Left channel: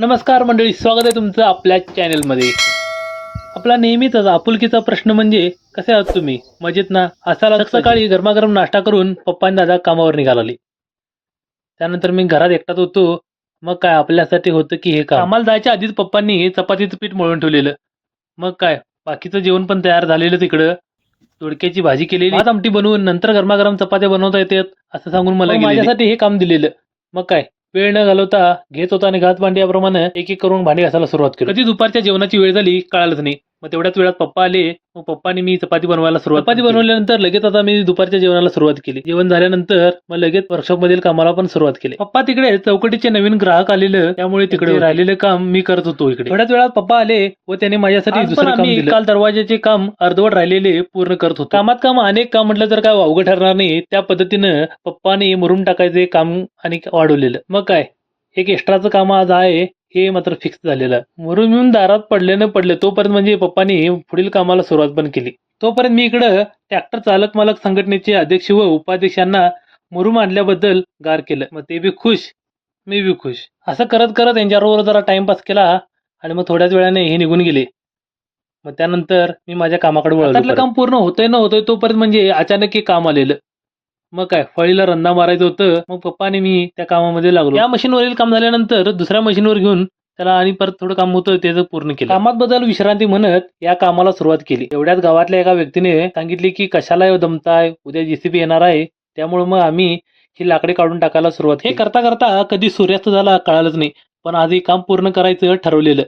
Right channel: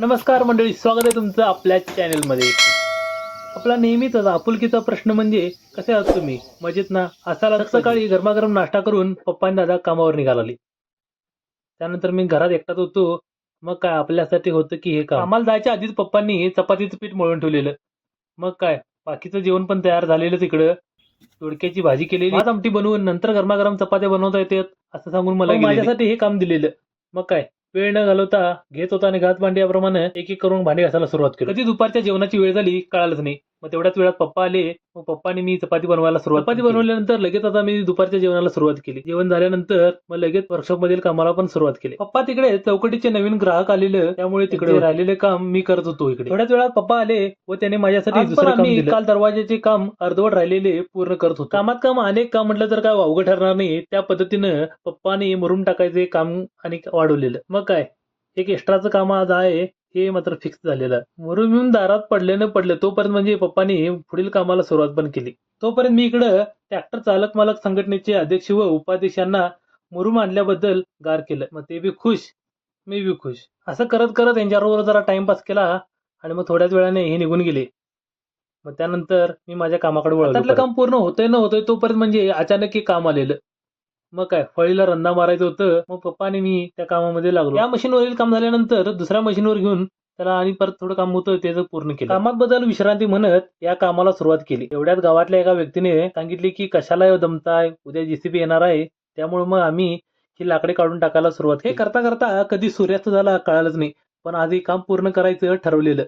नमस्कार मंडळी, स्वागत आहे तुमचं आपल्या चॅनलमध्ये. आपला नेहमीच आपुलकीचा प्रश्न म्हणजे कसे आहात तुम्ही? मजेत ना? असाल सकाळी गरमागरम नाश्ता करून पप्पा आणि दादा कामावर निघाले. त्यानंतर मी घरात एकटाच होतो. मग काय आपल्यासाठी होतं की हे काम. कामाला जायच्या आधीच पप्पांनी चपातीचं पीठ मळून ठेवलेलं. मग काय बाकीचं जेवण पण तयार झालेलं तिकडं. दोडक्याची भाजी केलेली, भात आमटी बनवून नंतर गरमागरम चपात्या बनवता येतात असं सांगून मला माझ्यासाठी हे काम दिलेलं. मग काय वेळ न घालवता घेत होता आणि घात भांडी याप्रमाणे एक एक करून भांडी घासायला सुरुवात केली. कधी दुपारच्या जेवणाची वेळ झाली कळालंच नाही. मग तेवढ्याच वेळात पप्पा आले. मग पप्पानी मी चपाती बनवायला सुरुवात चपाती बनवल्यानंतर लगेच आता मी दुपारच्या जेवणाला सुरुवात केली. जेवण झाल्यानंतर मग लगेच वर्कशॉप मधील कामाला पण सुरुवात केली. पप्पा तिकडे चौकटीचे नवीन ग्राहक आलेलं, त्यामुळे तिकडे राहिलेलं काम मी करत होतो. इकडे थोड्याच वेळात पप्पा आले व त्याने माझ्यासाठी दुसरं काम दिलं. काल दरवाजाचे काम अर्धवट राहिलेले पूर्ण करत होतो. कामात काम अनेक काम म्हटलं तर काय अवघड ठरणार नाही. त्या पद्धतीनं पप्पाने मुरुम टाकायचे काम आणि वाढवलेलं. मग काय एक एक्स्ट्राचं काम आज आहे हे मात्र फिक्स झालेलं. मुरुम येऊन दारात पडले न पडले तोपर्यंत म्हणजे पप्पानी पुढील कामाला सुरुवात पण केली. तोपर्यंत मी इकडं ट्रॅक्टर चालक मालक संघटनेचे अध्यक्ष व उपाध्यक्षांना मुरुम आणल्याबद्दल गार केलं. मग ते बी खुश, मी बी खुश. असं करत करत यांच्याबरोबर जरा टाइमपास केला आणि मग थोड्याच वेळाने हे निघून गेले. मग त्यानंतर मी माझ्या कामाकडे वळलो. काम पूर्ण होतंय न होतंय तोपर्यंत म्हणजे अचानक एक काम आलेलं. मग काय फळीला रंदा मारायचं होतं. मग पप्पा आणि मी त्या कामामध्ये लागलो. या मशीनवरील काम झाल्यानंतर दुसऱ्या मशीनवर घेऊन त्याला आणि परत थोडं काम होतं त्याचं पूर्ण केलं. कामात बदल विश्रांती म्हणत या कामाला सुरुवात केली. एवढ्याच गावातल्या एका व्यक्तीने सांगितले की कशाला दमताय, उद्या जेसीबी येणार आहे. त्यामुळे मग आम्ही ही लाकडे काढून टाकायला सुरुवात केली. हे करता करता कधी सूर्यास्त झाला कळालंच नाही. पण आज हे काम पूर्ण करायचं ठरवलेलं,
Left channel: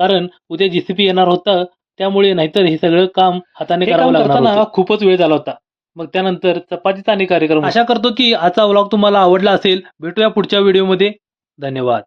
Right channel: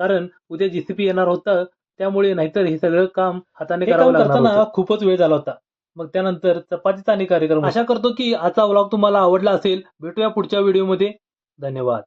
कारण उद्या जेसीबी येणार होतं. त्यामुळे नाहीतर हे सगळं काम हाताने करावं लागणार होतं. खूपच वेळ झाला होता. मग त्यानंतर चपातीचा आणि कार्यक्रम. आशा करतो की आजचा व्लॉग तुम्हाला आवडला असेल. भेटूया पुढच्या व्हिडिओमध्ये. धन्यवाद.